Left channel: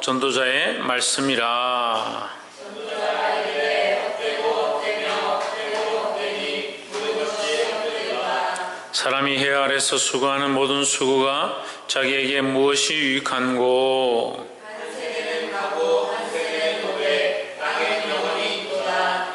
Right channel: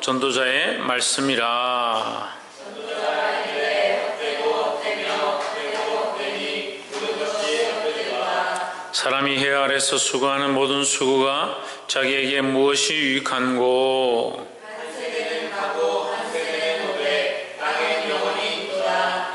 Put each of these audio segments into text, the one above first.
전도자의 말씀이라. 사람이 해 아래서 수고하는 모든 수고가 자기에게 무엇이 유익한고? 한 세대는 가고 한 세대는 오래 땅엔 영원히 있도다.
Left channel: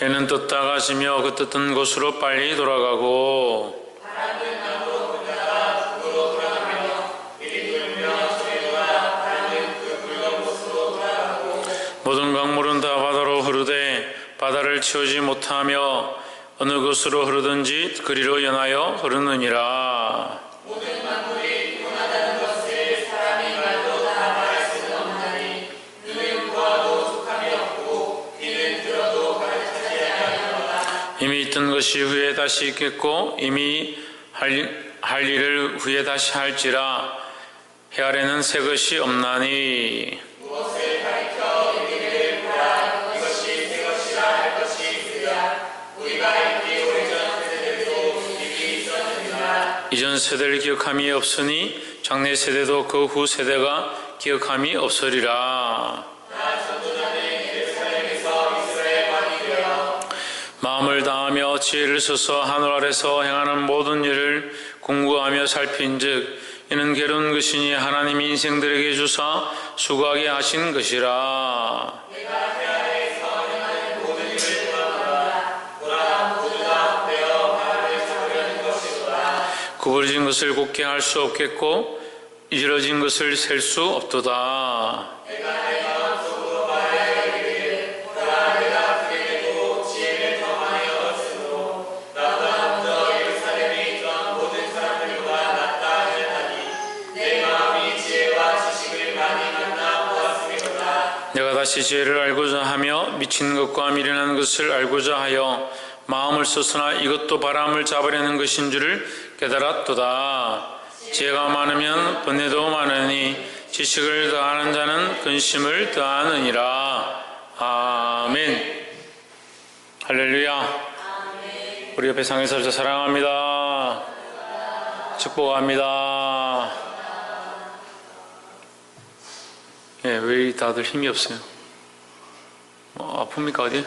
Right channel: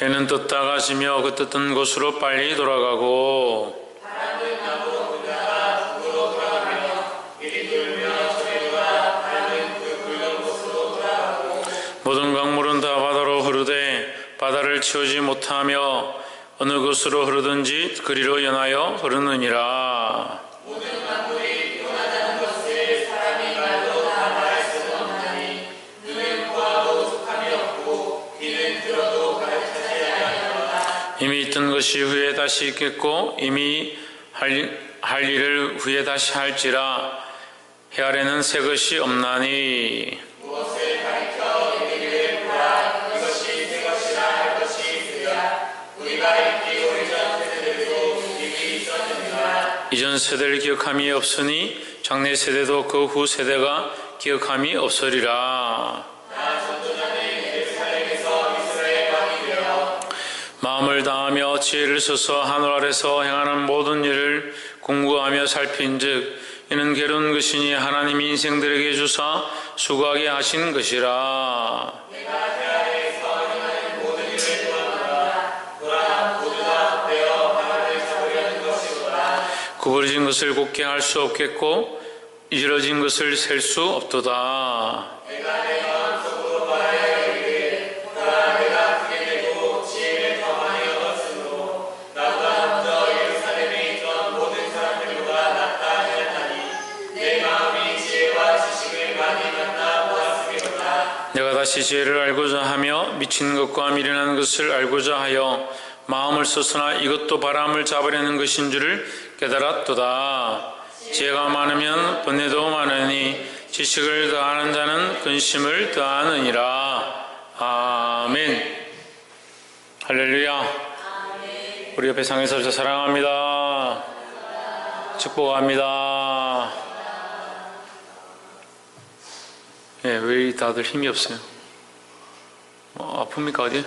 해는 떴다가 지며 그 떴던 곳으로 빨리 돌아가고 바람은 남으로 불다가 북으로 돌아가며 길이 불며 소리가 바람은 그 불던 곳으로 돌아가고 모든 강물은 다 바다로 흐르되 바다를 채우지 못하며 어느 곳으로 흐르든지 그리로 연하여 흐르느니라. 모든 만물이 변하다는 것을 사람이 말로 다 말할 수는 없나니 눈은 보아도 속함이 없고 귀는 들어도 가르치지 아니하노라. 이미 있던 것이 후에 다시 있겠고 이미 할 일을 후에 다시 할지라. 해 아래는 새 것이 없나니 무엇을 가리켜 이르기를 보라 이것이 새 것이라 할 것이 있으랴. 우리가 읽기 오래전 세대들도 일이 있었느니라. 이전 세대를 기억함이 없으니 장래 세대도 그 후 세대가 기억함이 없으리라. 나 전도자는 예루살렘에서 이스라엘 왕이 되어 마음을 다하며 지혜를 써서 하늘 아래서 행하는 모든 일을 공부하며 살핀즉 이는 괴로운 것이니 하나님이 인생들에게 주사 수고하게 하신 것이라. 내가 해 아래에서 행하는 모든 일을 보았노라. 보라 모두 다 헛되어 바람을 잡으려는 것이로다. 구부러진 것을 곱게 할 수 없겠고 이지러진 것을 셀 수 없도다. 내가 내 마음속으로 말하여 이르기를 보라 내가 크게 되고 지혜를 더 많이 얻었으므로 나보다 먼저 예루살렘에 있던 모든 사람들보다 낫다 하였다니 내 마음이 지혜와 지식을 많이 갖다 보았음이로다. 내가 다시 지혜를 알고자 하며 미친 것과 미련한 것을 알고자 하여 마음을 썼으나 이것도 바람을 잡으려는 것인 줄을 깨달았도다. 지혜가 많으면 번뇌도 많으니 지식을 더하는 자는 근심을 더하느니라. 아멘. 할렐루야. 우리 옆에 상에서 저 사랑합니다. 축복합니다. 예, 왜 다들 힘이 없어요? 아픕니까 어디? 예.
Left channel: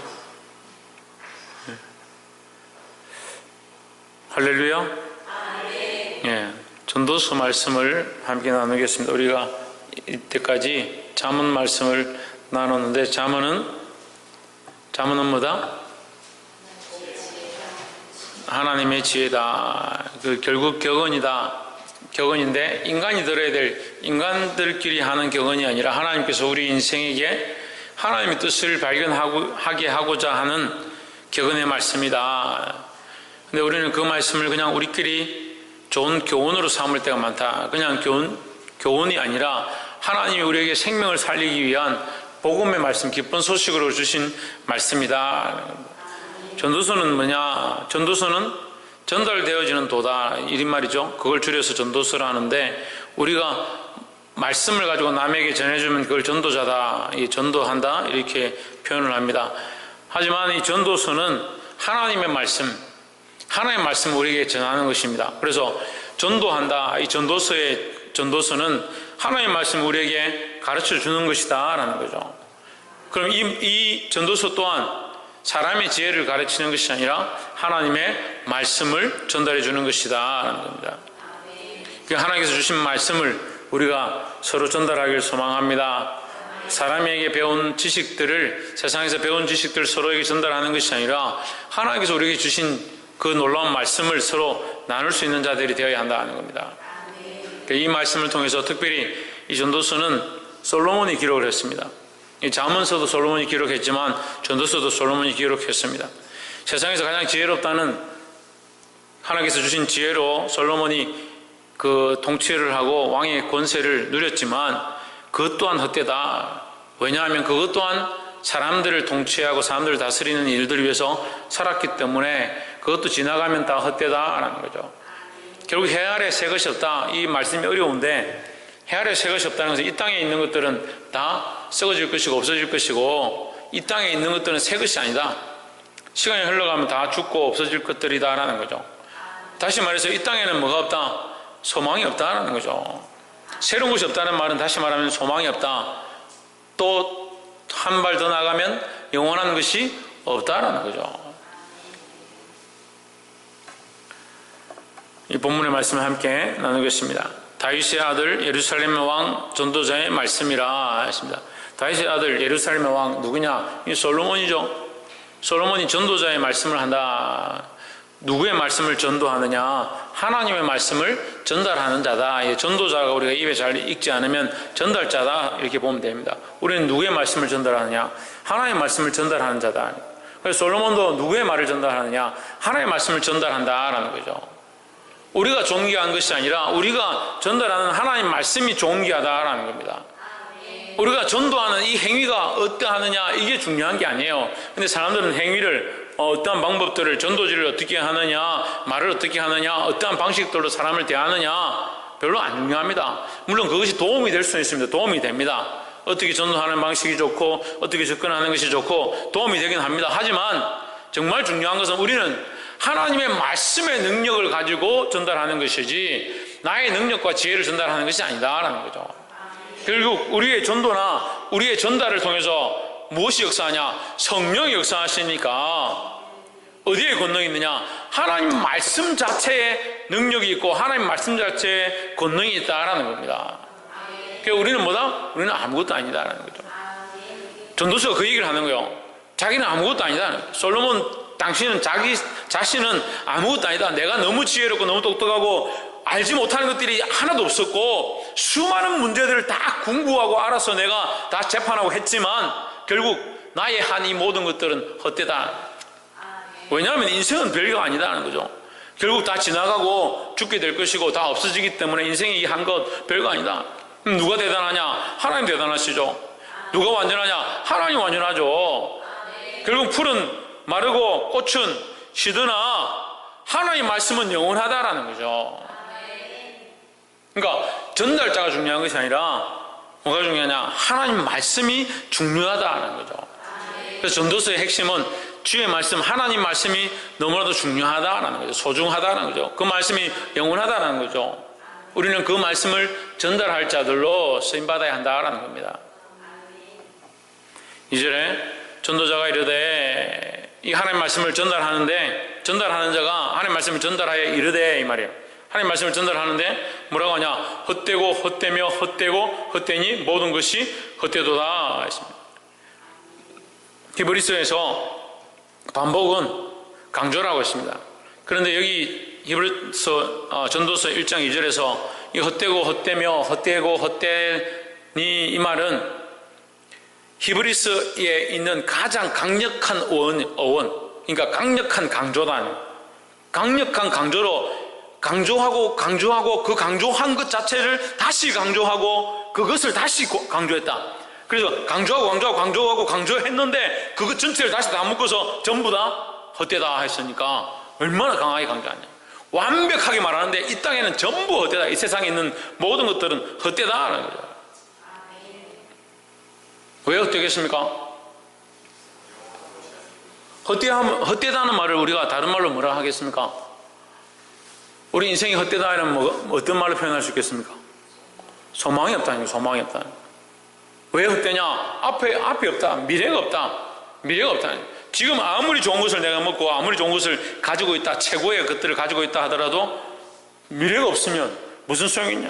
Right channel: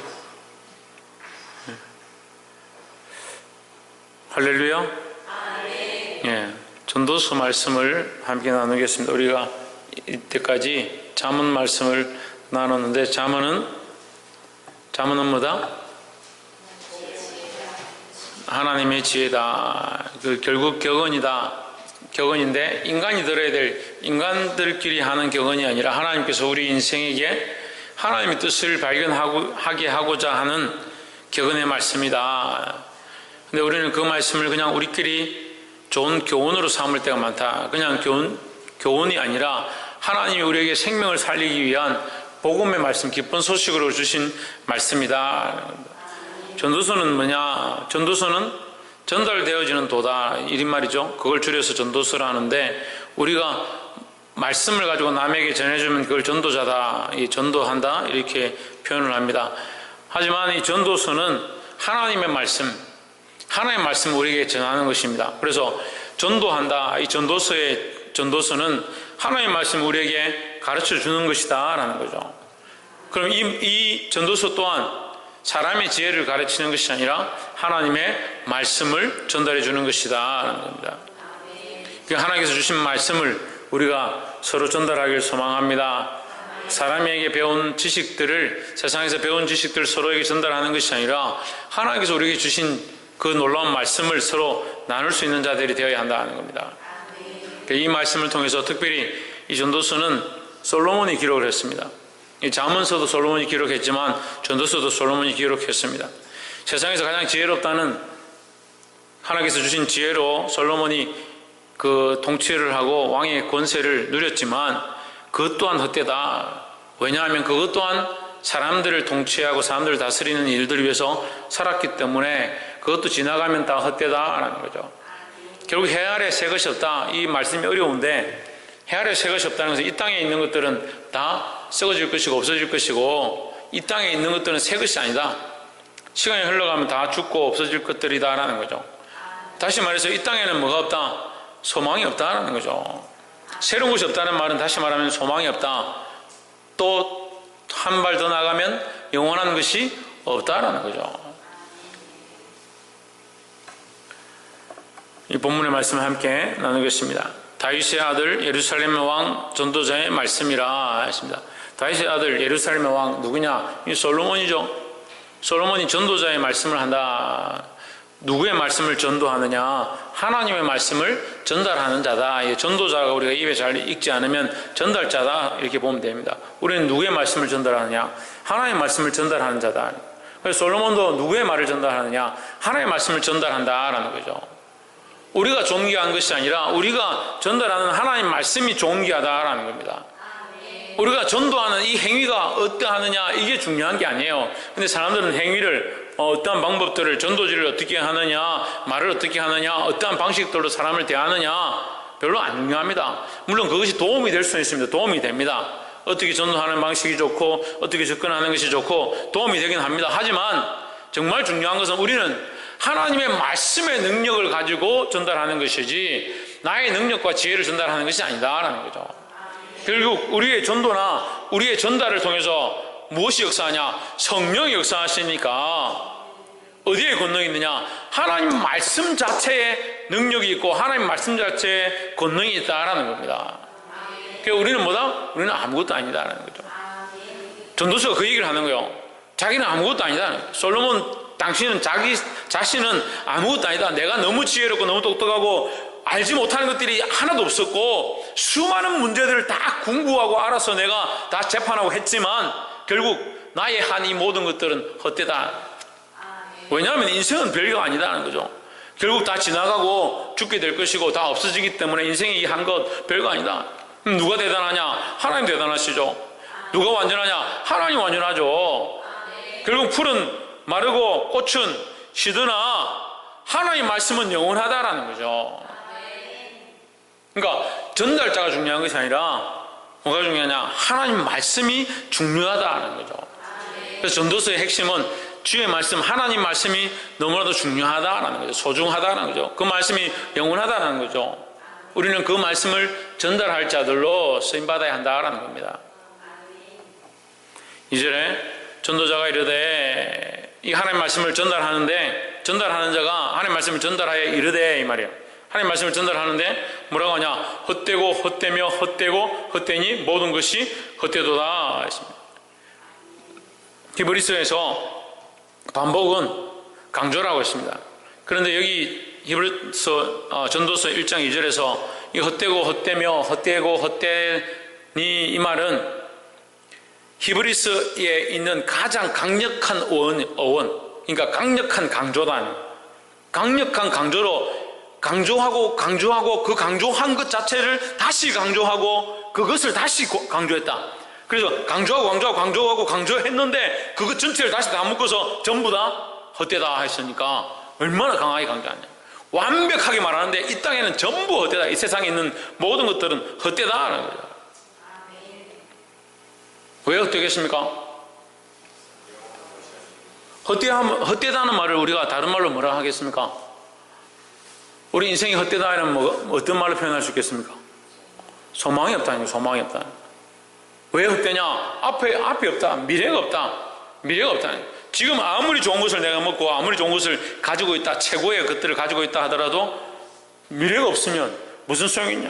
할렐루야. 예, 전도서 말씀을 함께 나누겠습니다. 우리가 이때까지 잠언 말씀을 나눴는데 잠언은 뭐다? 하나님의 지혜다. 그 결국 격언인데 인간이 들어야 될 인간들끼리 하는 격언이 아니라 하나님께서 우리 인생에게 하나님의 뜻을 발견하게 하고자 하는 격언의 말씀이다. 근데 우리는 그 말씀을 그냥 우리끼리 좋은 교훈으로 삼을 때가 많다. 그냥 교훈이 아니라 하나님이 우리에게 생명을 살리기 위한 복음의 말씀, 기쁜 소식으로 주신 말씀이다. 전도서는 뭐냐? 전도서는 전달되어지는 도다. 이런 말이죠. 그걸 줄여서 전도서라 하는데 우리가 말씀을 가지고 남에게 전해주면 그걸 전도자다. 전도한다. 이렇게 표현을 합니다. 하지만 이 전도서는 하나님의 말씀, 하나님의 말씀을 우리에게 전하는 것입니다. 그래서 전도한다. 이 전도서는 하나님의 말씀을 우리에게 가르쳐 주는 것이다. 라는 거죠. 그럼 이 전도서 또한 사람의 지혜를 가르치는 것이 아니라 하나님의 말씀을 전달해 주는 것이다. 라는 겁니다. 하나님께서 주신 말씀을 우리가 서로 전달하기를 소망합니다. 사람에게 배운 지식들을, 세상에서 배운 지식들을 서로에게 전달하는 것이 아니라 하나님께서 우리에게 주신 그 놀라운 말씀을 서로 나눌 수 있는 자들이 되어야 한다는 겁니다. 이 말씀을 통해서 특별히 이 전도서는 솔로몬이 기록을 했습니다. 이 잠언서도 솔로몬이 기록했지만 전도서도 솔로몬이 기록했습니다. 세상에서 가장 지혜롭다는 하나님께서 주신 지혜로 솔로몬이 그 통치를 하고 왕의 권세를 누렸지만 그것 또한 헛되다. 왜냐하면 그것 또한 사람들을 통치하고 사람들을 다스리는 일들을 위해서 살았기 때문에 그것도 지나가면 다 헛되다라는 거죠. 결국 해 아래 새 것이 없다. 이 말씀이 어려운데 해 아래 새 것이 없다는 것은 이 땅에 있는 것들은 다 썩어질 것이고 없어질 것이고 이 땅에 있는 것들은 새 것이 아니다. 시간이 흘러가면 다 죽고 없어질 것들이다라는 거죠. 다시 말해서 이 땅에는 뭐가 없다? 소망이 없다라는 거죠. 새로운 것이 없다는 말은 다시 말하면 소망이 없다. 또 한 발 더 나가면 영원한 것이 없다라는 거죠. 이 본문의 말씀을 함께 나누겠습니다. 다윗의 아들 예루살렘의 왕 전도자의 말씀이라 했습니다. 다윗의 아들 예루살렘의 왕 누구냐? 이 솔로몬이죠. 솔로몬이 전도자의 말씀을 한다. 누구의 말씀을 전도하느냐? 하나님의 말씀을 전달하는 자다. 이 전도자가 우리가 입에 잘 읽지 않으면 전달자다 이렇게 보면 됩니다. 우리는 누구의 말씀을 전달하느냐? 하나님의 말씀을 전달하는 자다. 그래서 솔로몬도 누구의 말을 전달하느냐? 하나님의 말씀을 전달한다라는 거죠. 우리가 존귀한 것이 아니라 우리가 전달하는 하나님의 말씀이 존귀하다라는 겁니다. 우리가 전도하는 이 행위가 어떠하느냐 이게 중요한 게 아니에요. 근데 사람들은 행위를 어떠한 방법들을 전도지를 어떻게 하느냐, 말을 어떻게 하느냐, 어떠한 방식들로 사람을 대하느냐 별로 안 중요합니다. 물론 그것이 도움이 될 수는 있습니다. 도움이 됩니다. 어떻게 전도하는 방식이 좋고 어떻게 접근하는 것이 좋고 도움이 되긴 합니다. 하지만 정말 중요한 것은 우리는 하나님의 말씀의 능력을 가지고 전달하는 것이지 나의 능력과 지혜를 전달하는 것이 아니다라는 거죠. 결국 우리의 전도나 우리의 전달을 통해서 무엇이 역사하냐? 성령이 역사하시니까 어디에 권능이 있느냐? 하나님 말씀 자체에 능력이 있고 하나님 말씀 자체에 권능이 있다라는 겁니다. 그러니까 우리는 뭐다? 우리는 아무것도 아니다라는 거죠. 전도서가 그 얘기를 하는 거예요. 자기는 아무것도 아니다. 솔로몬 당신은 자기 자신은 아무것도 아니다. 내가 너무 지혜롭고 너무 똑똑하고 알지 못하는 것들이 하나도 없었고 수많은 문제들을 다 공부하고 알아서 내가 다 재판하고 했지만 결국 나의 한 이 모든 것들은 헛되다. 왜냐하면 인생은 별거 아니다는 거죠. 결국 다 지나가고 죽게 될 것이고 다 없어지기 때문에 인생이 한 것 별거 아니다. 누가 대단하냐? 하나님 대단하시죠. 누가 완전하냐? 하나님 완전하죠. 결국 풀은 마르고 꽃은 시드나 하나님 말씀은 영원하다라는 거죠. 그러니까 전달자가 중요한 것이 아니라 뭐가 중요하냐? 하나님 말씀이 중요하다는 거죠. 그래서 전도서의 핵심은 주의 말씀, 하나님 말씀이 너무나도 중요하다는 거죠. 소중하다는 거죠. 그 말씀이 영원하다는 거죠. 우리는 그 말씀을 전달할 자들로 쓰임받아야 한다는 겁니다. 2절에 전도자가 이르되 이 하나님 말씀을 전달하는데 전달하는 자가 하나님 말씀을 전달하여 이르되 이 말이에요. 하나님 말씀을 전달하는데 뭐라고 하냐? 헛되고 헛되며 헛되고 헛되니 모든 것이 헛되도다 했습니다. 히브리서에서 반복은 강조라고 했습니다. 그런데 여기 히브리서 전도서 1장 2절에서 이 헛되고 헛되며 헛되고 헛되니 이 말은 히브리서에 있는 가장 강력한 어원, 그러니까 강력한 강조단, 강력한 강조로 강조하고 그 강조한 것 자체를 다시 강조하고 그것을 다시 강조했다. 그래서 강조하고 강조했는데 그것 전체를 다시 다 묶어서 전부 다 헛되다 했으니까 얼마나 강하게 강조하냐. 완벽하게 말하는데 이 땅에는 전부 헛되다. 이 세상에 있는 모든 것들은 헛되다라는 거죠. 왜 헛되겠습니까? 헛되다는 말을 우리가 다른 말로 뭐라 하겠습니까? 우리 인생이 헛되다는 어떤 말로 표현할 수 있겠습니까? 소망이 없다는 거예요. 소망이 없다. 왜 헛되냐? 앞이 없다. 미래가 없다. 미래가 없다. 지금 아무리 좋은 것을 내가 먹고 아무리 좋은 것을 가지고 있다. 최고의 것들을 가지고 있다 하더라도 미래가 없으면 무슨 소용이 있냐?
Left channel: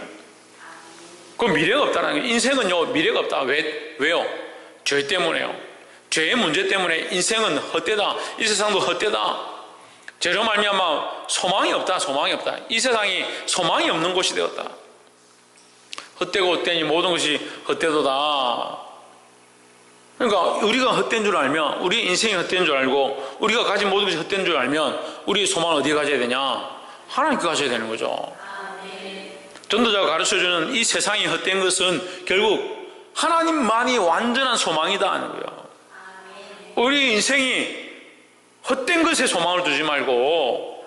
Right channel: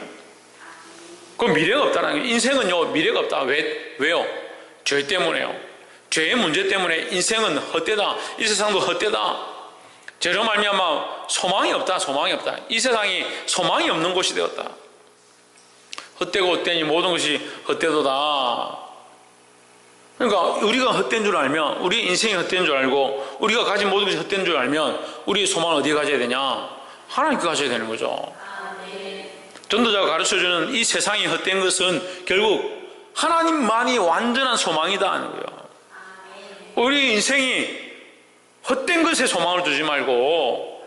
그 미래가 없다는 거예요. 인생은요 미래가 없다. 왜요? 죄 때문에요. 죄의 문제 때문에 인생은 헛되다. 이 세상도 헛되다. 죄로 말미암아 소망이 없다. 소망이 없다. 이 세상이 소망이 없는 곳이 되었다. 헛되고 헛되니 모든 것이 헛되도다. 그러니까 우리가 헛된 줄 알면 우리 인생이 헛된 줄 알고 우리가 가진 모든 것이 헛된 줄 알면 우리의 소망을 어디에 가져야 되냐? 하나님께 가져야 되는 거죠. 전도자가 가르쳐주는 이 세상이 헛된 것은 결국 하나님만이 완전한 소망이다 하는 거예요. 우리 인생이 헛된 것에 소망을 두지 말고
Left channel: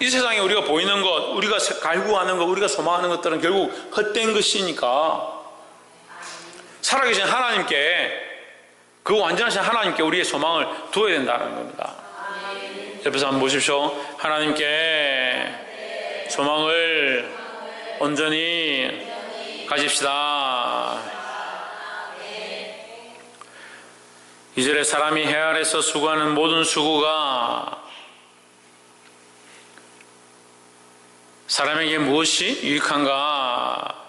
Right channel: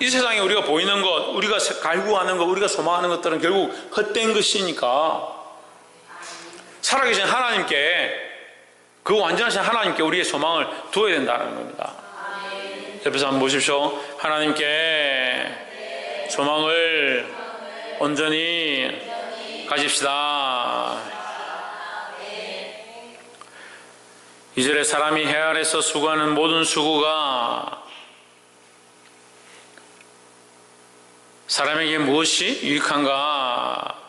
이 세상에 우리가 보이는 것, 우리가 갈구하는 것, 우리가 소망하는 것들은 결국 헛된 것이니까 살아계신 하나님께, 그 완전하신 하나님께 우리의 소망을 두어야 된다는 겁니다. 옆에서 한번 보십시오. 하나님께 소망을 온전히 가집시다. 2절에 사람이 해 아래서 수고하는 모든 수고가 사람에게 무엇이 유익한가?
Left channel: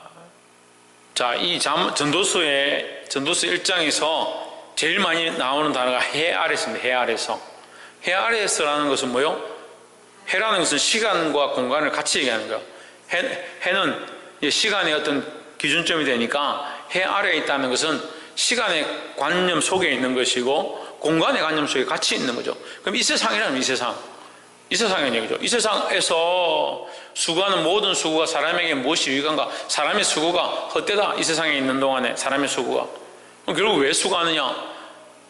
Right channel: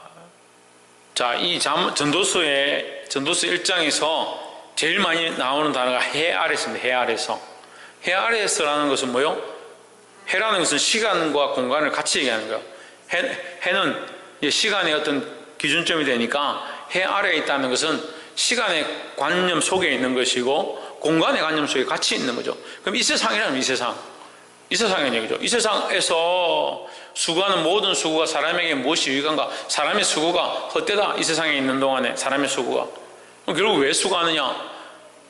자, 이 전도서 1장에서 제일 많이 나오는 단어가 해 아래서입니다. 해 아래서. 해 아래서라는 것은 뭐요? 해라는 것은 시간과 공간을 같이 얘기하는 거예요. 해는 시간의 어떤 기준점이 되니까 해 아래에 있다는 것은 시간의 관념 속에 있는 것이고 공간의 관념 속에 같이 있는 거죠. 그럼 이 세상이라면 이 세상의 얘기죠. 이 세상에서 수고하는 모든 수고가 사람에게 무엇이 유익한가? 사람의 수고가 헛되다. 이 세상에 있는 동안에 사람의 수고가. 그럼 결국 왜 수고하느냐?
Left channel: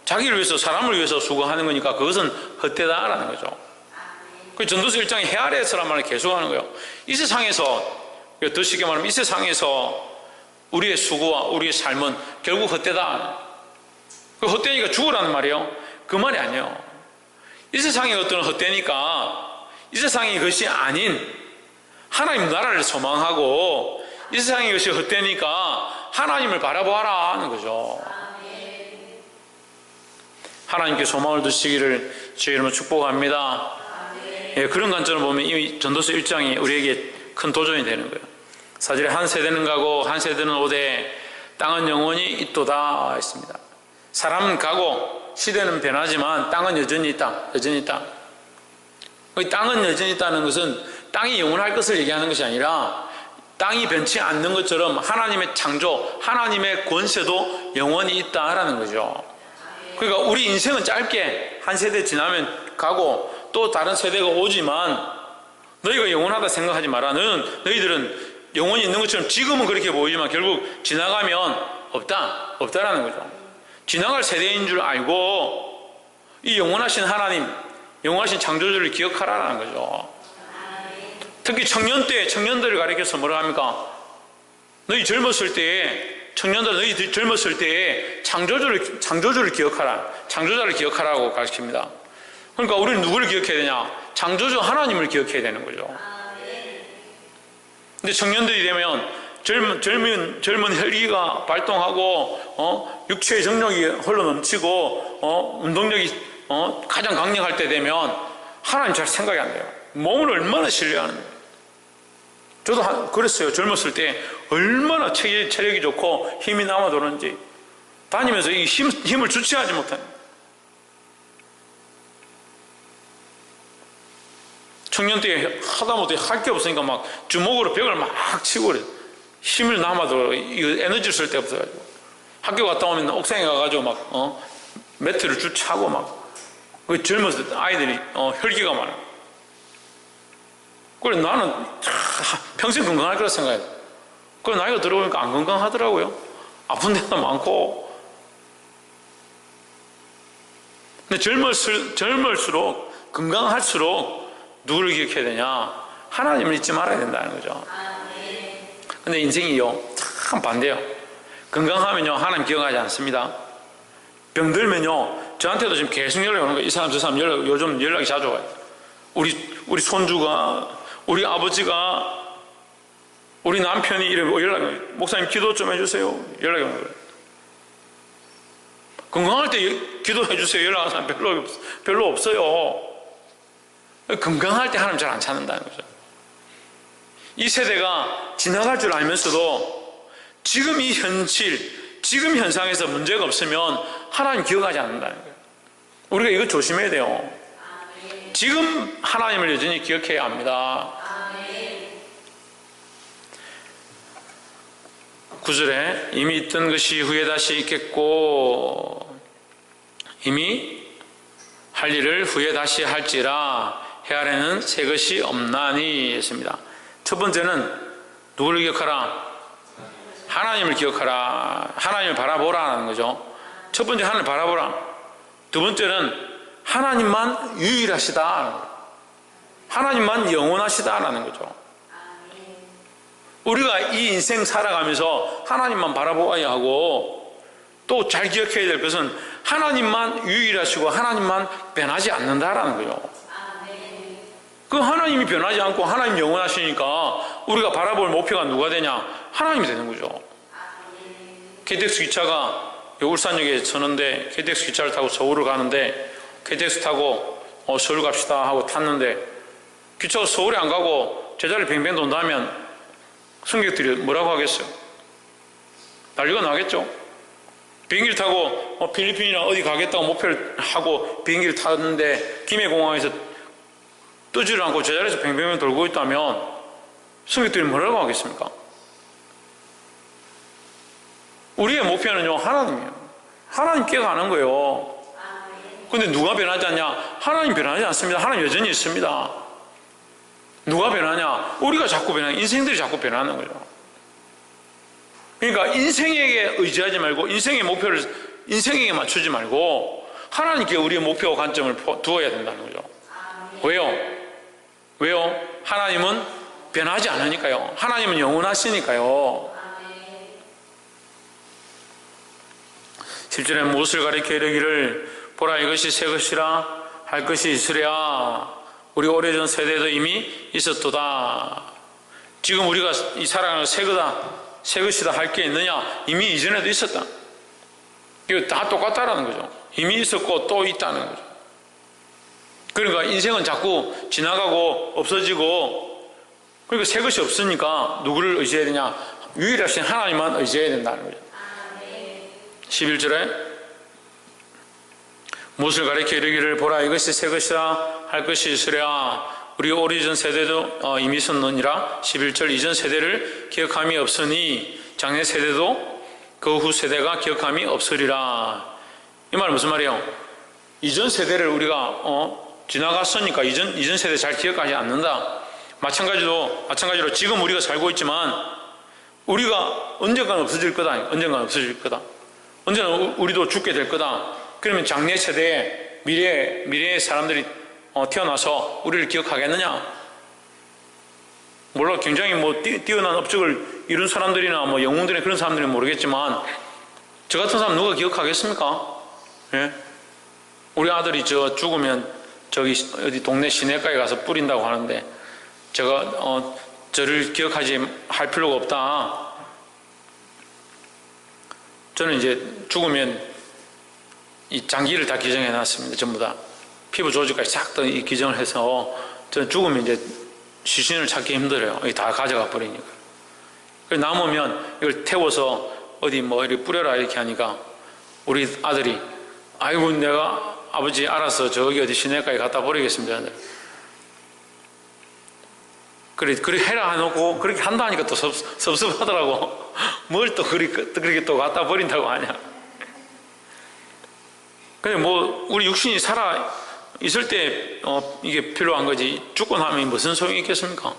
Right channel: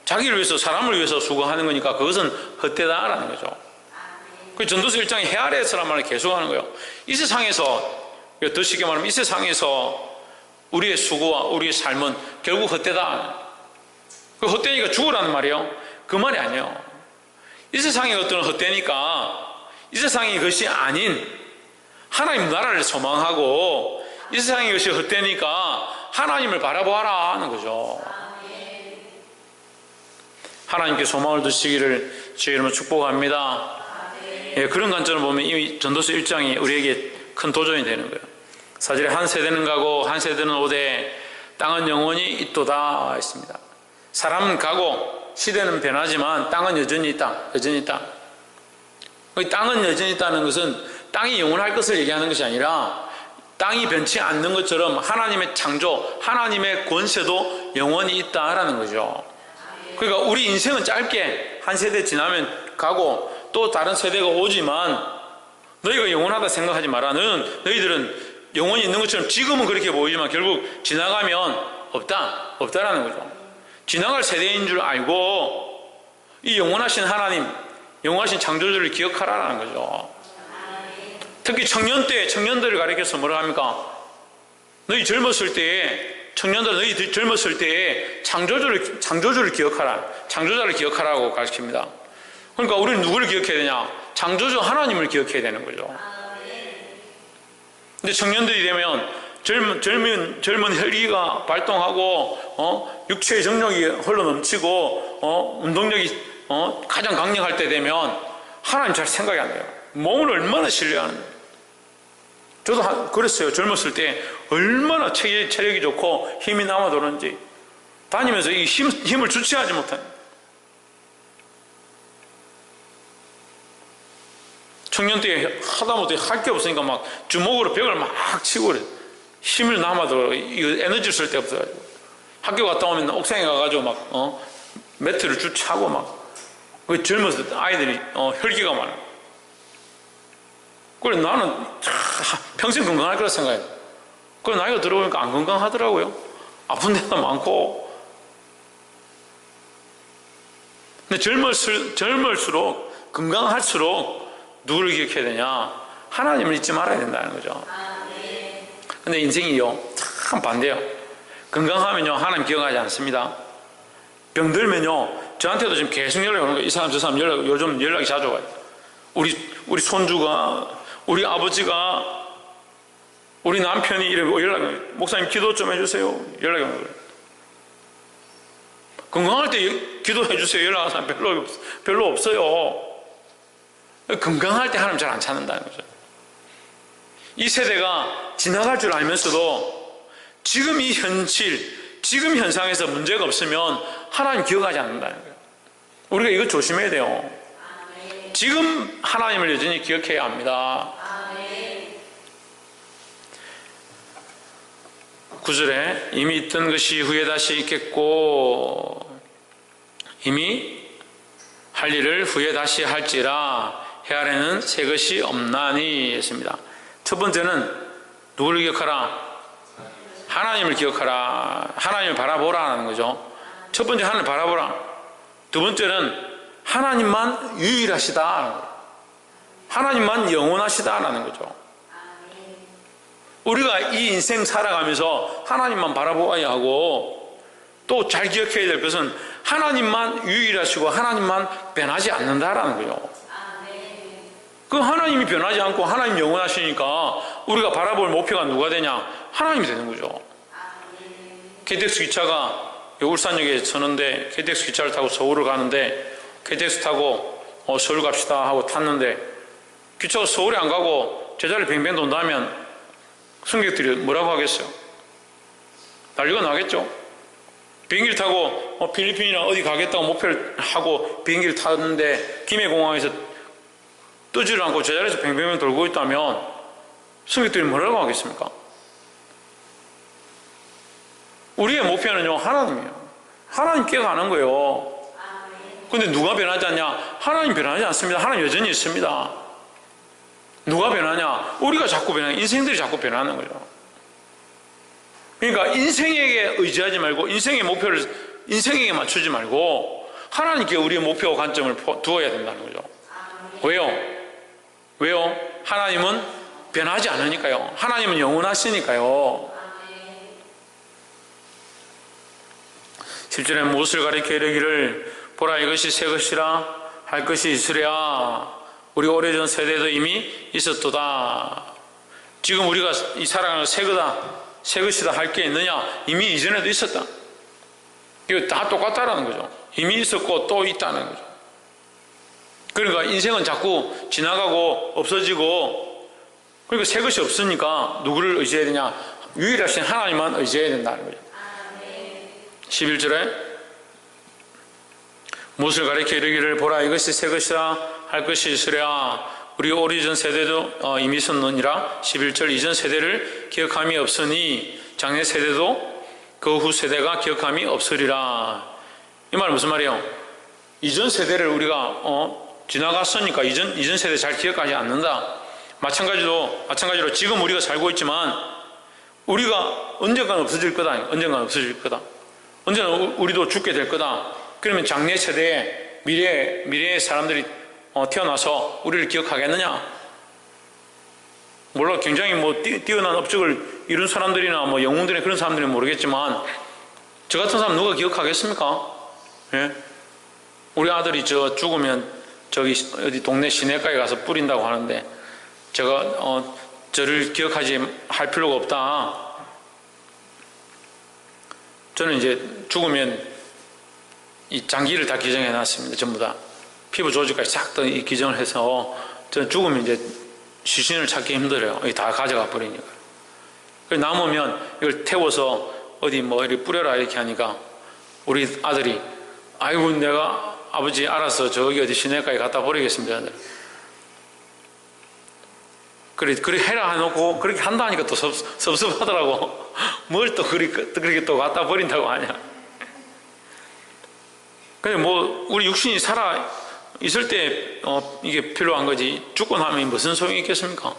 자기를 위해서, 사람을 위해서 수고하는 거니까 그것은 헛되다라는 거죠. 그 전도서 1장에 해 아래에서란 말을 계속하는 거예요. 이 세상에서, 더 쉽게 말하면 이 세상에서 우리의 수고와 우리의 삶은 결국 헛되다. 그 헛되니까 죽으라는 말이에요. 그 말이 아니에요. 이 세상의 어떤 헛되니까 이 세상이 것이 아닌 하나님 나라를 소망하고 이 세상의 것이 헛되니까 하나님을 바라보아라 하는 거죠. 하나님께 소망을 두시기를 주의 이름으로 축복합니다. 예, 그런 관점을 보면 이 전도서 1장이 우리에게 큰 도전이 되는 거예요. 4절에 한 세대는 가고 한 세대는 오되 땅은 영원히 있도다 했습니다. 사람은 가고 시대는 변하지만 땅은 여전히 있다. 여전히 있다. 땅은 여전히 있다는 것은 땅이 영원할 것을 얘기하는 것이 아니라 땅이 변치 않는 것처럼 하나님의 창조, 하나님의 권세도 영원히 있다라는 거죠. 그러니까 우리 인생은 짧게 한 세대 지나면 가고 또 다른 세대가 오지만 너희가 영원하다 생각하지 마라. 너희들은 영원히 있는 것처럼 지금은 그렇게 보이지만 결국 지나가면 없다라는 거죠. 지나갈 세대인 줄 알고 이 영원하신 하나님, 영원하신 창조주를 기억하라는 거죠. 특히 청년들을 가리켜서 뭐라 합니까? 너희 젊었을 때에, 너희 젊었을 때에 창조주를 기억하라. 창조자를 기억하라고 가르칩니다. 그러니까 우리는 누구를 기억해야 되냐? 창조주 하나님을 기억해야 되는 거죠. 근데 청년들이 되면 젊은 혈기가 발동하고 육체의 정력이 흘러넘치고 운동력이 가장 강력할 때 되면 하나님 잘 생각이 안 돼요. 몸을 얼마나 신뢰하는 거예요. 저도 그랬어요. 젊었을 때 얼마나 체력이 좋고 힘이 남아도는지 다니면서 이 힘을 주체하지 못하는. 청년 때 하다못해 할 게 없으니까 막 주먹으로 벽을 막 치고 그래. 힘을 남아도 이거 에너지 쓸 데 없어가지고 학교 갔다 오면 옥상에 가가지고 막 매트를 쭉 차고 막 그 젊은 아이들이 혈기가 많아. 그래 나는 평생 건강할 거라 생각해. 그래 나이가 들어보니까 안 건강하더라고요. 아픈 데도 많고. 근데 젊을수록 건강할수록 누구를 기억해야 되냐? 하나님을 잊지 말아야 된다는 거죠. 근데 인생이요 참 반대요. 건강하면요 하나님 기억하지 않습니다. 병들면요 저한테도 지금 계속 연락이 오는 거예요. 이 사람 저 사람 요즘 연락이 자주 와요. 우리 손주가, 우리 아버지가, 우리 남편이 이러고 연락이, 목사님 기도 좀 해주세요. 연락이 오는 거예요. 건강할 때 기도해 주세요. 연락하는 사람 별로 없어요. 건강할 때 하나님 잘 안 찾는다는 거죠. 이 세대가 지나갈 줄 알면서도 지금 이 현실, 지금 현상에서 문제가 없으면 하나님 기억하지 않는다는 거예요. 우리가 이거 조심해야 돼요. 지금 하나님을 여전히 기억해야 합니다. 9절에 이미 있던 것이 후에 다시 있겠고 이미 할 일을 후에 다시 할지라 해 아래는 새 것이 없나니 했습니다. 첫 번째는 누구를 기억하라? 하나님을 기억하라. 하나님을 바라보라는 거죠. 첫 번째 하나님을 바라보라. 두 번째는 하나님만 유일하시다. 하나님만 영원하시다라는 거죠. 우리가 이 인생 살아가면서 하나님만 바라보아야 하고 또 잘 기억해야 될 것은 하나님만 유일하시고 하나님만 변하지 않는다라는 거죠. 그 하나님이 변하지 않고 하나님 영원하시니까 우리가 바라볼 목표가 누가 되냐? 하나님이 되는 거죠. KTX 기차가 울산역에 서는데 KTX 기차를 타고 서울을 가는데 KTX 타고 서울 갑시다 하고 탔는데 기차가 서울에 안 가고 제자리를 뱅뱅 돈다면 승객들이 뭐라고 하겠어요? 난리가 나겠죠. 비행기를 타고 필리핀이나 어디 가겠다고 목표를 하고 비행기를 탔는데 김해공항에서 뜨지를 않고 제자리에서 뱅뱅뱅 돌고 있다면 승객들이 뭐라고 하겠습니까? 우리의 목표는요, 하나님이에요. 하나님께 가는 거예요. 근데 누가 변하지 않냐? 하나님 변하지 않습니다. 하나님 여전히 있습니다. 누가 변하냐? 우리가 자꾸 변하냐? 인생들이 자꾸 변하는 거죠. 그러니까 인생에게 의지하지 말고 인생의 목표를 인생에게 맞추지 말고 하나님께 우리의 목표와 관점을 두어야 된다는 거죠. 왜요? 하나님은 변하지 않으니까요. 하나님은 영원하시니까요. 10절에 무엇을 가리켜 이르기를 보라 이것이 새 것이라 할 것이 있으랴. 우리 오래전 세대도 이미 있었도다. 지금 우리가 이 살아가는 새 것이다 할 게 있느냐? 이미 이전에도 있었다. 이거 다 똑같다라는 거죠. 이미 있었고 또 있다는 거죠. 그러니까 인생은 자꾸 지나가고 없어지고, 그러니까 새 것이 없으니까 누구를 의지해야 되냐? 유일하신 하나님만 의지해야 된다는 거죠. 11절에 무엇을 가리켜 이르기를 보라 이것이 새 것이라 할 것이 있으랴. 우리 오래전 세대도 이미 있었느니라. 11절 이전 세대를 기억함이 없으니 장래 세대도 그 후 세대가 기억함이 없으리라. 이 말은 무슨 말이에요? 이전 세대를 우리가 지나갔으니까 이전 세대 잘 기억하지 않는다. 마찬가지로 지금 우리가 살고 있지만 우리가 언젠가는 없어질 거다. 언젠가 우리도 죽게 될 거다. 그러면 장래 세대의 미래의 사람들이 태어나서 우리를 기억하겠느냐? 물론 굉장히 뛰어난 업적을 이룬 사람들이나 영웅들의 그런 사람들은 모르겠지만 저 같은 사람 누가 기억하겠습니까? 예? 우리 아들이 죽으면 저기 어디 동네 시내가에 가서 뿌린다고 하는데 제가 저를 기억하지 할 필요가 없다. 저는 이제 죽으면 이 장기를 다 기증해 놨습니다. 전부 다 피부 조직까지 싹 다 기증을 해서 저는 죽으면 이제 시신을 찾기 힘들어요. 다 가져가 버리니까. 남으면 이걸 태워서 어디 이렇게 뿌려라 이렇게 하니까 우리 아들이 아이고 내가 아버지 알아서 저기 어디 시내가에 갖다 버리겠습니다. 그래 해라 해놓고 그렇게 한다 하니까 또 섭섭하더라고. 뭘 또 그렇게 또 갖다 버린다고 하냐. 근데 우리 육신이 살아 있을 때 이게 필요한 거지 죽고 나면 무슨 소용이 있겠습니까?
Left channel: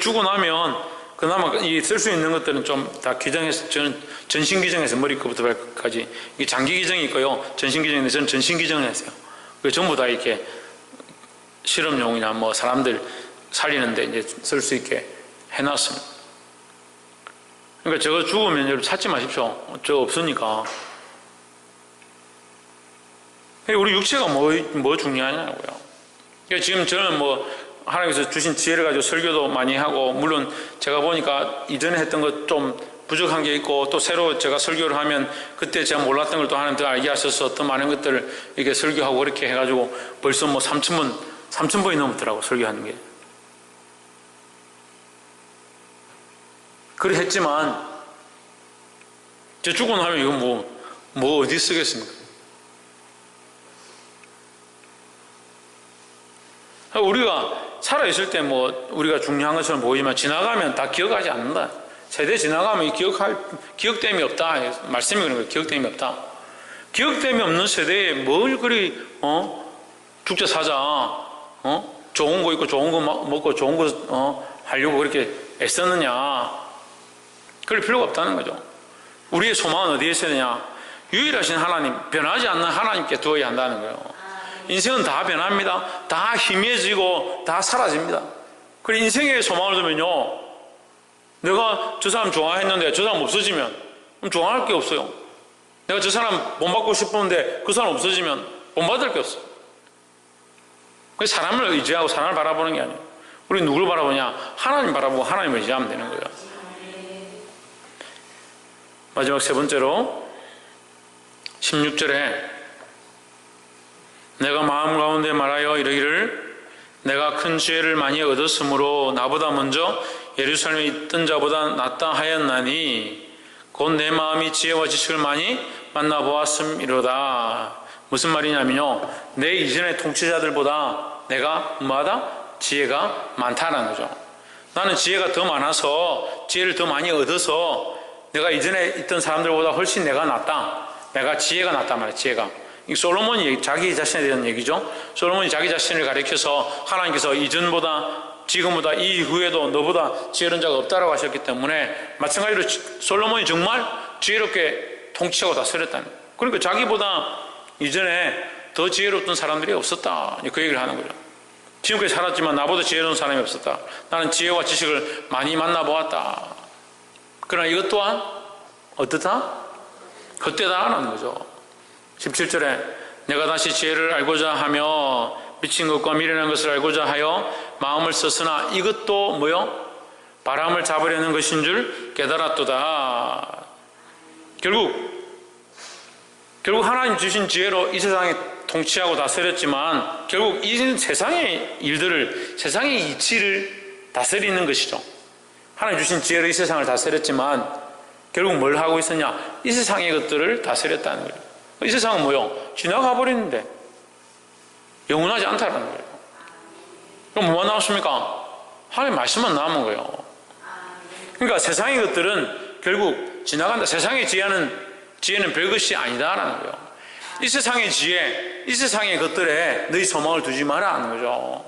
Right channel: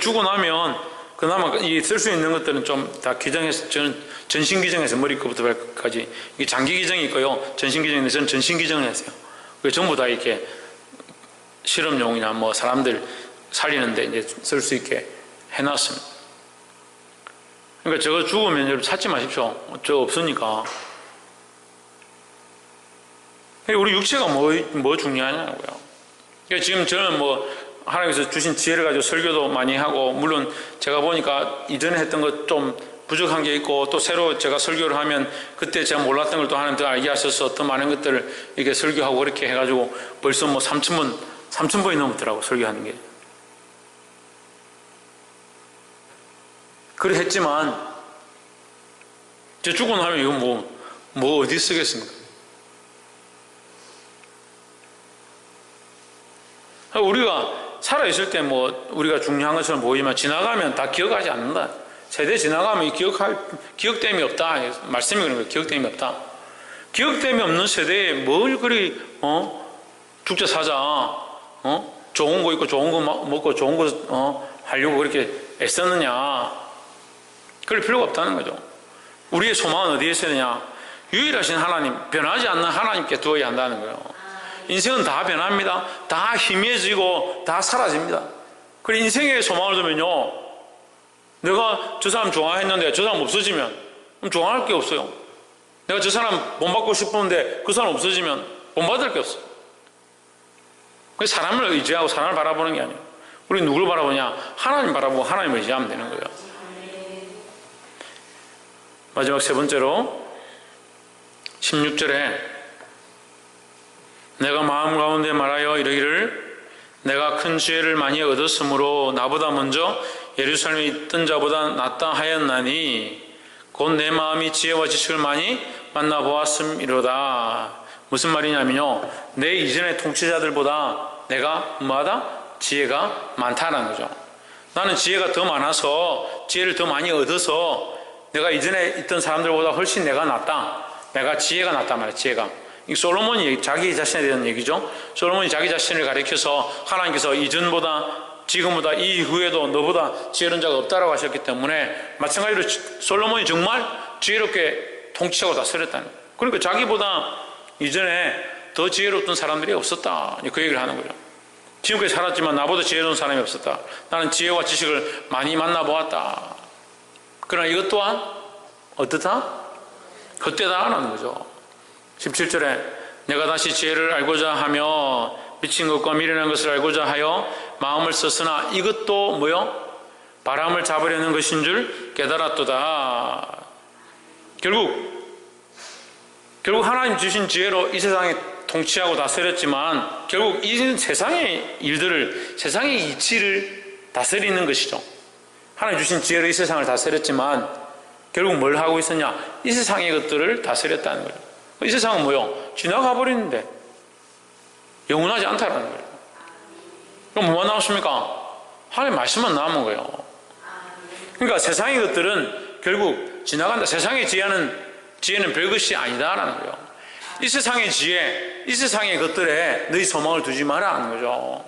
죽고 나면 그나마 쓸 수 있는 것들은 좀 다 기증해서 저는 전신 기증해서 머리끝부터 발끝까지 이게 장기 기증이 있고요 전신 기증인데 저는 전신 기증을 했어요. 전부 다 이렇게 실험용이나 사람들 살리는데 이제 쓸 수 있게 해놨습니다. 그러니까 저거 죽으면 여러분 찾지 마십시오. 저 없으니까. 우리 육체가 뭐 중요하냐고요. 그러니까 지금 저는 하나님께서 주신 지혜를 가지고 설교도 많이 하고, 물론 제가 보니까 이전에 했던 것 좀 부족한 게 있고, 또 새로 제가 설교를 하면 그때 제가 몰랐던 걸 또 하나님 더 알게 하셔서 더 많은 것들을 이렇게 설교하고 그렇게 해가지고 벌써 3,000번이 넘었더라고, 설교하는 게. 그래 했지만, 저 죽고 나면 이거 어디 쓰겠습니까? 우리가 살아있을 때 우리가 중요한 것처럼 보이지만 지나가면 다 기억하지 않는다. 세대 지나가면 기억됨이 없다. 말씀이 그런 거예요. 기억됨이 없다. 기억됨이 없는 세대에 뭘 그리 죽자 사자 좋은 거 있고 좋은 거 먹고 좋은 거 하려고 그렇게 애썼느냐. 그럴 필요가 없다는 거죠. 우리의 소망은 어디에 있어야 되냐? 유일하신 하나님, 변하지 않는 하나님께 두어야 한다는 거예요. 인생은 다 변합니다. 다 희미해지고 다 사라집니다. 그래 인생의 소망을 두면요, 내가 저 사람 좋아했는데 저 사람 없어지면 그럼 좋아할 게 없어요. 내가 저 사람 본받고 싶었는데 그 사람 없어지면 본받을 게 없어요. 그래서 사람을 의지하고 사람을 바라보는 게 아니에요. 우리 누굴 바라보냐? 하나님 바라보고 하나님을 의지하면 되는 거예요. 마지막 세 번째로 16절에 내가 마음 가운데 말하여 이르기를 내가 큰 지혜를 많이 얻었으므로 나보다 먼저 예루살렘에 있던 자보다 낫다 하였나니 곧 내 마음이 지혜와 지식을 많이 만나보았음이로다. 무슨 말이냐면요, 내 이전의 통치자들보다 내가 뭐하다? 지혜가 많다는 거죠. 나는 지혜가 더 많아서 지혜를 더 많이 얻어서 내가 이전에 있던 사람들보다 훨씬 내가 낫다. 내가 지혜가 낫단 말이야. 지혜가. 이 솔로몬이 자기 자신에 대한 얘기죠. 솔로몬이 자기 자신을 가리켜서 하나님께서 이전보다 지금보다 이후에도 너보다 지혜로운 자가 없다라고 하셨기 때문에 마찬가지로 솔로몬이 정말 지혜롭게 통치하고 다스렸다는 거예요. 그러니까 자기보다 이전에 더 지혜롭던 사람들이 없었다. 그 얘기를 하는 거죠. 지금까지 살았지만 나보다 지혜로운 사람이 없었다. 나는 지혜와 지식을 많이 만나보았다. 그러나 이것 또한 어떻다? 헛되다라는 거죠. 17절에 내가 다시 지혜를 알고자 하며 미친 것과 미련한 것을 알고자 하여 마음을 썼으나 이것도 뭐요? 바람을 잡으려는 것인 줄 깨달았도다. 결국 하나님 주신 지혜로 이 세상에 통치하고 다스렸지만 결국 이 세상의 일들을, 세상의 이치를 다스리는 것이죠. 하나님 주신 지혜로 이 세상을 다스렸지만 결국 뭘 하고 있었냐? 이 세상의 것들을 다스렸다는 거죠. 이 세상은 뭐요? 지나가 버리는데 영원하지 않다는 거예요. 그럼 뭐가 나왔습니까? 하나님의 말씀만 남은 거예요. 그러니까 세상의 것들은 결국 지나간다. 세상의 지혜는 별것이 아니다라는 거예요. 이 세상의 지혜, 이 세상의 것들에 너희 소망을 두지 마라 하는 거죠.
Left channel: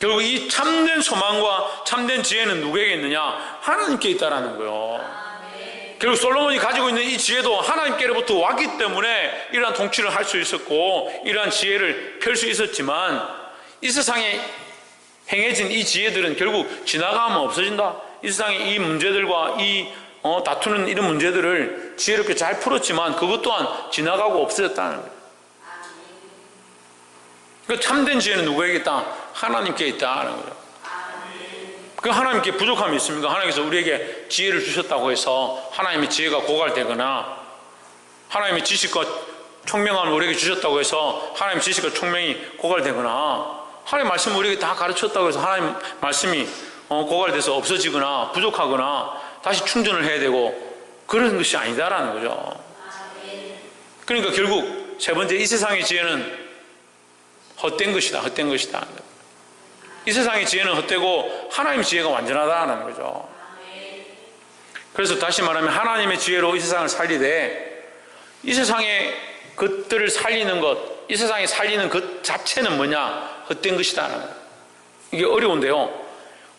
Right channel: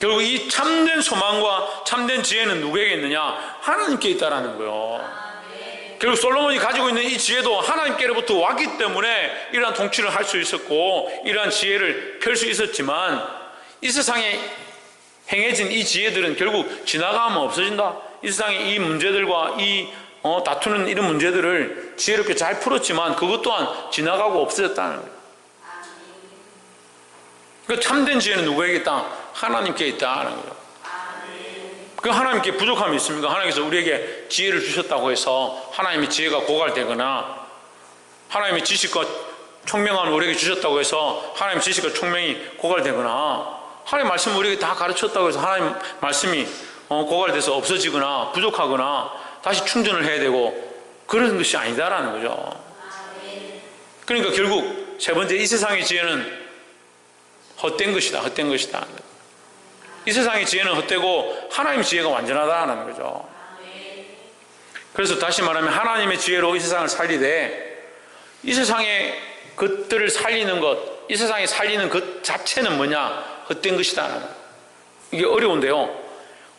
결국 이 참된 소망과 참된 지혜는 누구에게 있느냐? 하나님께 있다라는 거예요. 결국 솔로몬이 가지고 있는 이 지혜도 하나님께로부터 왔기 때문에 이러한 통치를 할 수 있었고 이러한 지혜를 펼 수 있었지만 이 세상에 행해진 이 지혜들은 결국 지나가면 없어진다. 이 세상의 이 문제들과 이 다투는 이런 문제들을 지혜롭게 잘 풀었지만 그것 또한 지나가고 없어졌다는 거예요. 그러니까 참된 지혜는 누구에게 있다? 하나님께 있다는 거예요. 그 하나님께 부족함이 있습니까? 하나님께서 우리에게 지혜를 주셨다고 해서 하나님의 지혜가 고갈되거나 하나님의 지식과 총명함을 우리에게 주셨다고 해서 하나님의 지식과 총명이 고갈되거나 하나님의 말씀을 우리에게 다 가르쳤다고 해서 하나님의 말씀이 고갈돼서 없어지거나 부족하거나 다시 충전을 해야 되고 그런 것이 아니다라는 거죠. 그러니까 결국 세 번째, 이 세상의 지혜는 헛된 것이다. 헛된 것이다. 이 세상의 지혜는 헛되고 하나님의 지혜가 완전하다는 거죠. 그래서 다시 말하면 하나님의 지혜로 이 세상을 살리되 이 세상의 것들을 살리는 것, 이 세상에 살리는 것 자체는 뭐냐? 헛된 것이다. 이게 어려운데요.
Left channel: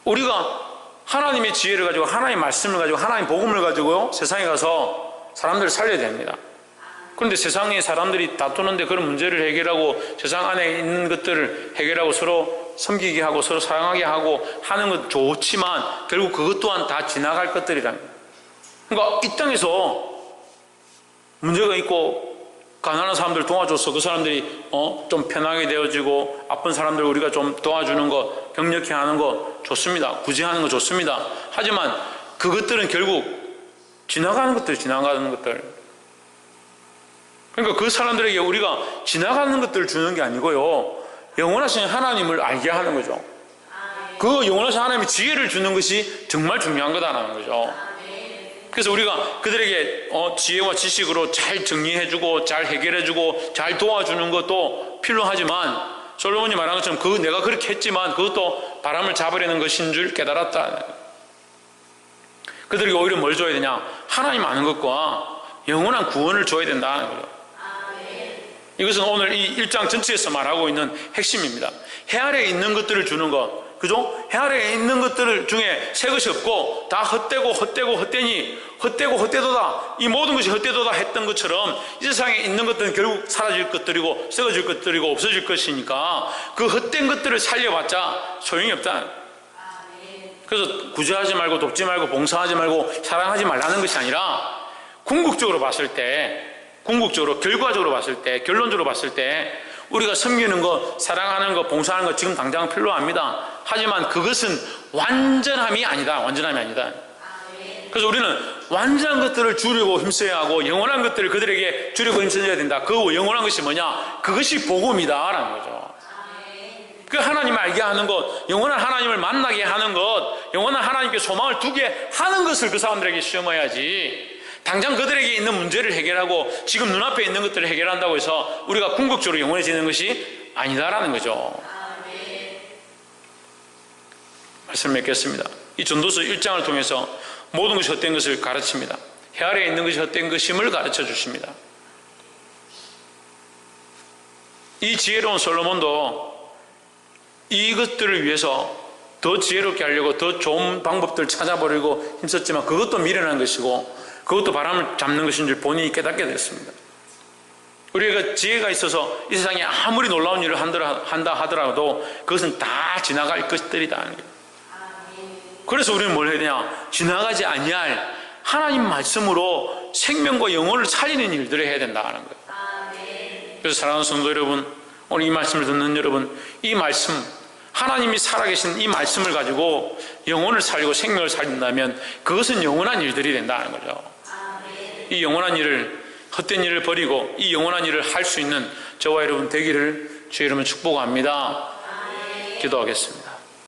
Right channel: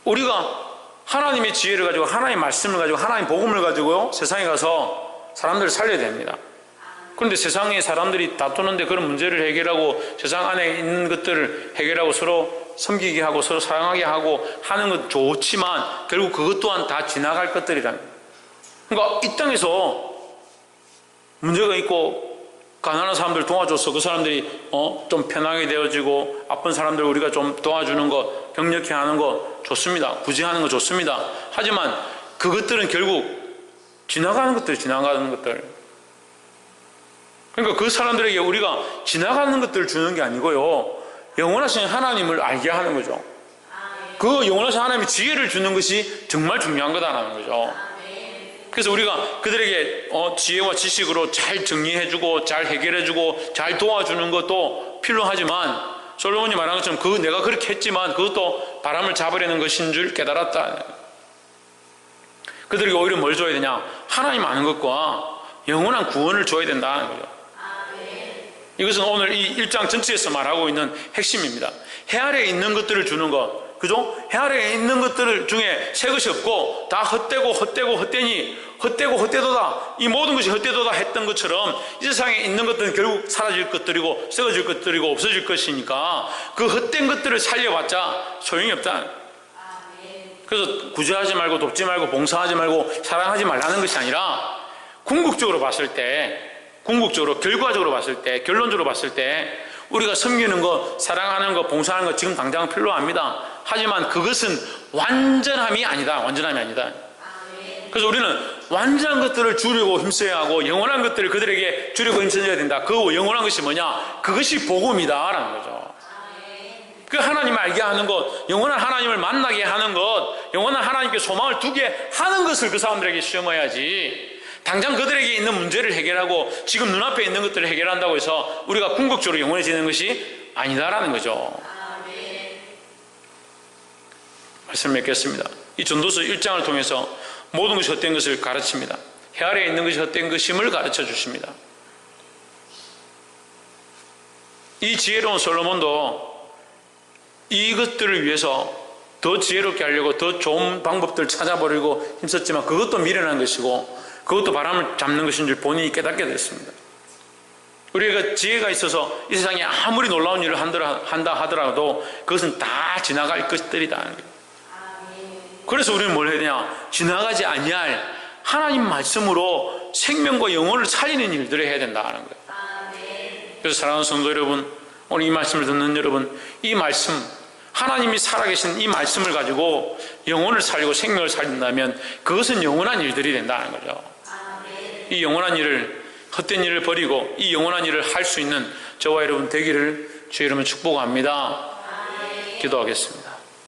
우리가 하나님의 지혜를 가지고 하나님의 말씀을 가지고 하나님의 복음을 가지고 세상에 가서 사람들을 살려야 됩니다. 그런데 세상의 사람들이 다투는데 그런 문제를 해결하고 세상 안에 있는 것들을 해결하고 서로 섬기게 하고 서로 사랑하게 하고 하는 건 좋지만 결국 그것 또한 다 지나갈 것들이라는 거예요. 그러니까 이 땅에서 문제가 있고 가난한 사람들 도와줘서 그 사람들이 좀 편하게 되어지고 아픈 사람들 우리가 좀 도와주는 거, 격려케 하는 거 좋습니다. 구제하는 거 좋습니다. 하지만 그것들은 결국 지나가는 것들. 그러니까 그 사람들에게 우리가 지나가는 것들을 주는 게 아니고요, 영원하신 하나님을 알게 하는 거죠. 그 영원하신 하나님의 지혜를 주는 것이 정말 중요한 거다라는 거죠. 그래서 우리가 그들에게 지혜와 지식으로 잘 정리해주고 잘 해결해주고 잘 도와주는 것도 필요하지만 솔로몬이 말한 것처럼 내가 그렇게 했지만 그것도 바람을 잡으려는 것인 줄 깨달았다. 그들에게 오히려 뭘 줘야 되냐? 하나님 아는 것과 영원한 구원을 줘야 된다는 거죠. 이것은 오늘 이 1장 전체에서 말하고 있는 핵심입니다. 해 아래에 있는 것들을 주는 것, 그죠? 해 아래에 있는 것들 중에 새 것이 없고 다 헛되고 헛되니 헛되고 헛되도다, 이 모든 것이 헛되도다 했던 것처럼 이 세상에 있는 것들은 결국 사라질 것들이고 썩어질 것들이고 없어질 것이니까 그 헛된 것들을 살려봤자 소용이 없다. 그래서 구제하지 말고 돕지 말고 봉사하지 말고 사랑하지 말라는 것이 아니라 궁극적으로 봤을 때, 결과적으로 봤을 때, 결론적으로 봤을 때 우리가 섬기는 것, 사랑하는 것, 봉사하는 것 지금 당장 필요합니다. 하지만 그것은 완전함이 아니다. 그래서 우리는 완전한 것들을 주려고 힘써야 하고 영원한 것들을 그들에게 주려고 힘써야 된다. 그 영원한 것이 뭐냐? 그것이 복음이다 라는 거죠. 그 하나님을 알게 하는 것, 영원한 하나님을 만나게 하는 것, 영원한 하나님께 소망을 두게 하는 것을 그 사람들에게 시험해야지, 당장 그들에게 있는 문제를 해결하고 지금 눈앞에 있는 것들을 해결한다고 해서 우리가 궁극적으로 영원해지는 것이 아니다라는 거죠. 말씀 맺겠습니다. 이 전도서 1장을 통해서 모든 것이 헛된 것을 가르칩니다. 해 아래에 있는 것이 헛된 것임을 가르쳐 주십니다. 이 지혜로운 솔로몬도 이것들을 위해서 더 지혜롭게 하려고 더 좋은 방법들을 찾아보려고 힘썼지만 그것도 미련한 것이고 그것도 바람을 잡는 것인 줄 본인이 깨닫게 됐습니다. 우리가 지혜가 있어서 이 세상에 아무리 놀라운 일을 한다 하더라도 그것은 다 지나갈 것들이다 하는 거예요. 그래서 우리는 뭘 해야 되냐? 지나가지 아니할 하나님 말씀으로 생명과 영혼을 살리는 일들을 해야 된다 하는 거예요. 그래서 사랑하는 성도 여러분, 오늘 이 말씀을 듣는 여러분, 이 말씀, 하나님이 살아계신 이 말씀을 가지고 영혼을 살리고 생명을 살린다면 그것은 영원한 일들이 된다는 거죠. 이 영원한 일을, 헛된 일을 버리고 이 영원한 일을 할 수 있는 저와 여러분 되기를 주의 이름으로 축복합니다. 기도하겠습니다.